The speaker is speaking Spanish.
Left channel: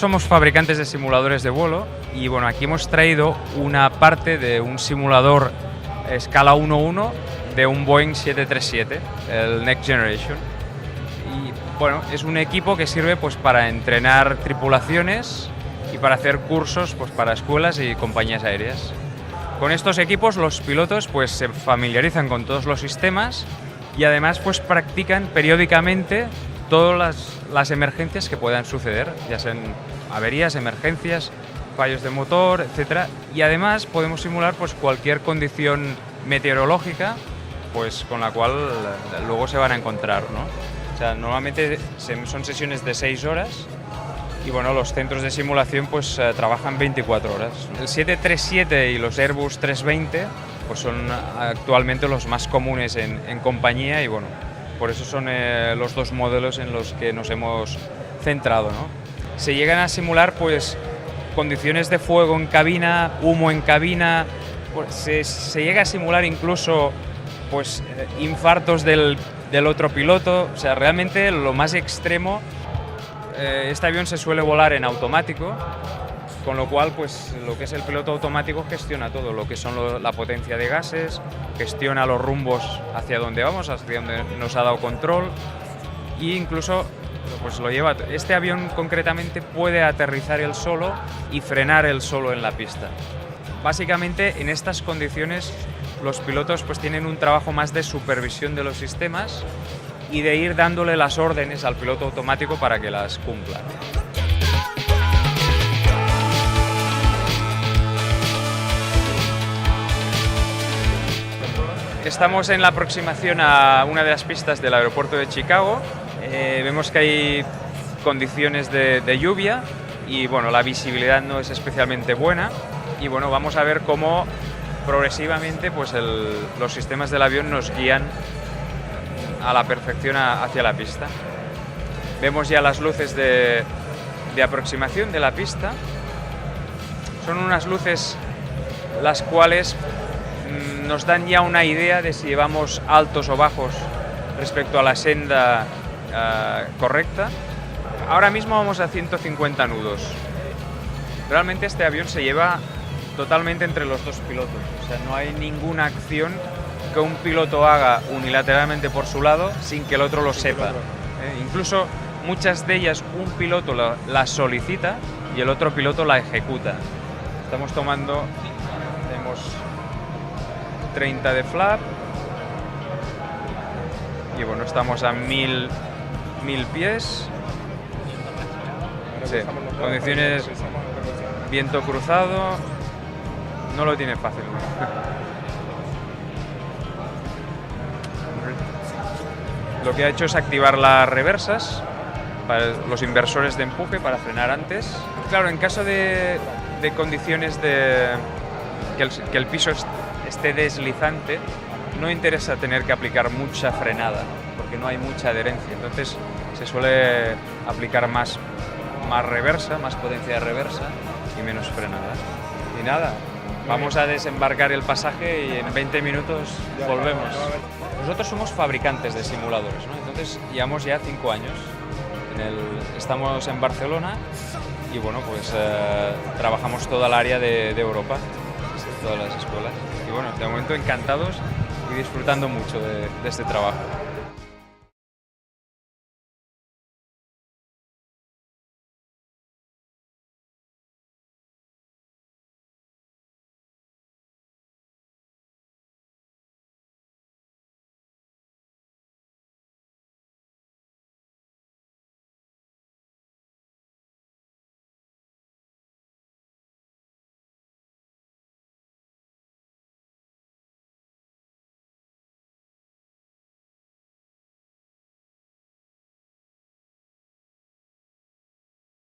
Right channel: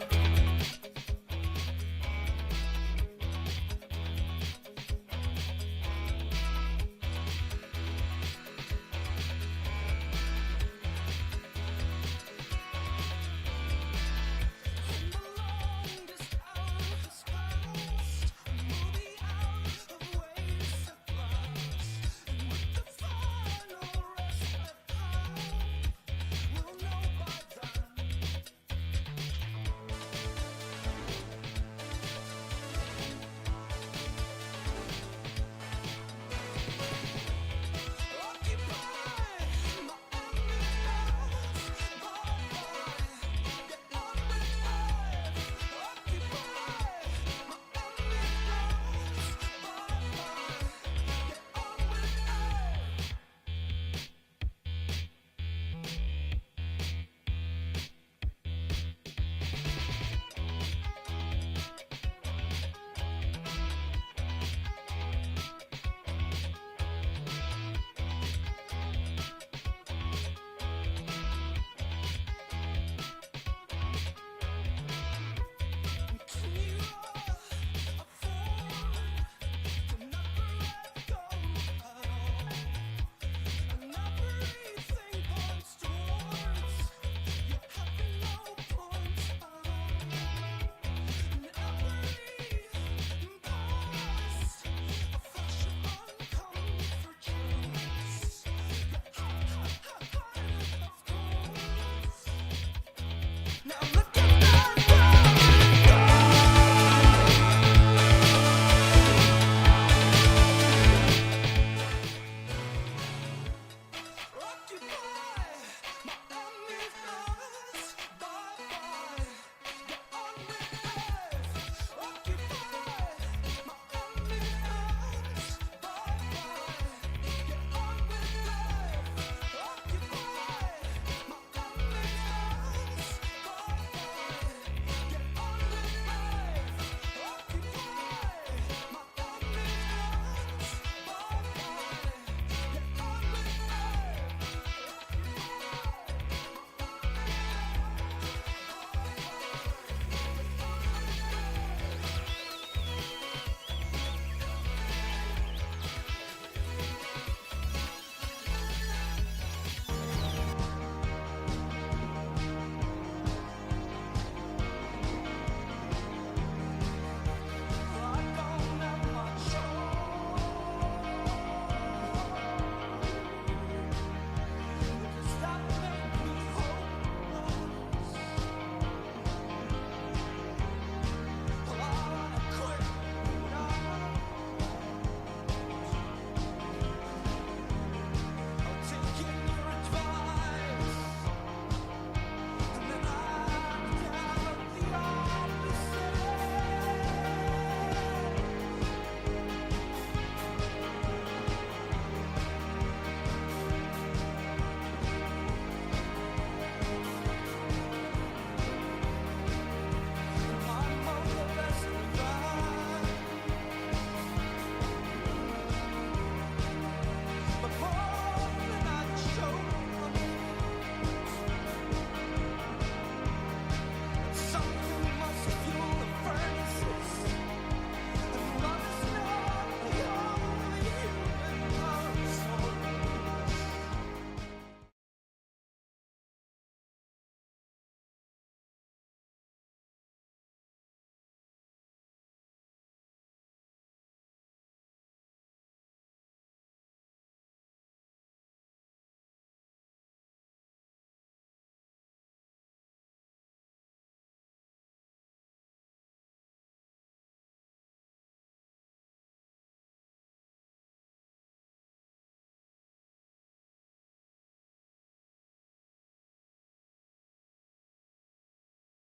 Somos fabricantes de simuladores de vuelo y bueno, aquí hemos traído una parte de un simulador escala 1:1 de un Boeing 737, el Next Generation. Y bueno, es un equipo que sirve pues para entrenar tripulaciones y para hacer cursos pues para escuelas y compañías aéreas. Con estos equipos los pilotos pues se familiarizan con todos los sistemas y además pues practican periódicamente todas las emergencias que puedan suceder, ya sean averías, emergencias, fallos de motor, etc. Y además podemos simular pues cualquier condición meteorológica pues con la cual luego se van a encontrar, ¿no? O sea, normalmente son sesiones de 6 horas y bueno, los centros de simulación pues trabajan 24 horas. El 737 y los Airbus 320 pues son actualmente los más comunes en compañía y bueno, por eso son los dos modelos en los que nos hemos centrado, ¿no? Se llegan a simular pues condiciones de fuego en cabina, humo en cabina, pues, se llega a simular incluso pues infartos del otro piloto. O sea, realmente lo más extremo, este avión se suele volar en automático, con lo cual pues lo que es el piloto automático gestiona todo, lo que son la potencia de gases, gestiona los rumbos hacia donde vamos, hacia donde nos ha dado control e incluso pues lo lleva. Este avión concretamente puede aterrizar él solo y frenar él solo en la pista. Básicamente en estas condiciones los pilotos pues tienen un trabajo más de supervisión de los sistemas y de ir dándole las órdenes al piloto automático para que las cumpla. Estamos en la aproximación a una de las pistas del aeropuerto de Chicago. Vemos que hay condiciones de lluvia y bueno, la visibilidad no es especialmente buena y bueno, vamos a ver cómo progresivamente pues los sistemas del avión nos guían a la perfección hacia la pista. Vemos ya las luces de aproximación de la pista. Son unas luces las cuales nos dan ya una idea de si llevamos altos o bajos respecto a la senda correcta. Ahora mismo vamos a 150 nudos. Realmente este avión se lleva totalmente entre los dos pilotos. O sea, no hay ninguna acción que un piloto haga unilateralmente por su lado sin que el otro lo sepa. Incluso muchas de ellas un piloto la solicita y el otro piloto la ejecuta. Estamos tomando, tenemos 30 de flap y bueno, estamos a 1000 pies. Sí, condiciones, viento cruzado, no lo tiene fácil. Lo que ha hecho es activar las reversas para los inversores de empuje para frenar antes. Claro, en caso de condiciones que el piso esté deslizante, no interesa tener que aplicar mucha frenada, porque no hay mucha adherencia. Entonces se suele aplicar más reversa, más potencia de reversa y menos frenada. Y nada, vamos a desembarcar el pasaje y en 20 minutos volvemos. Nosotros somos fabricantes de simuladores, ¿no? Entonces llevamos ya 5 años. Estamos en Barcelona y bueno, pues trabajamos toda el área de Europa, todas las escuelas. Y bueno, de momento encantados y disfrutando mucho de este trabajo.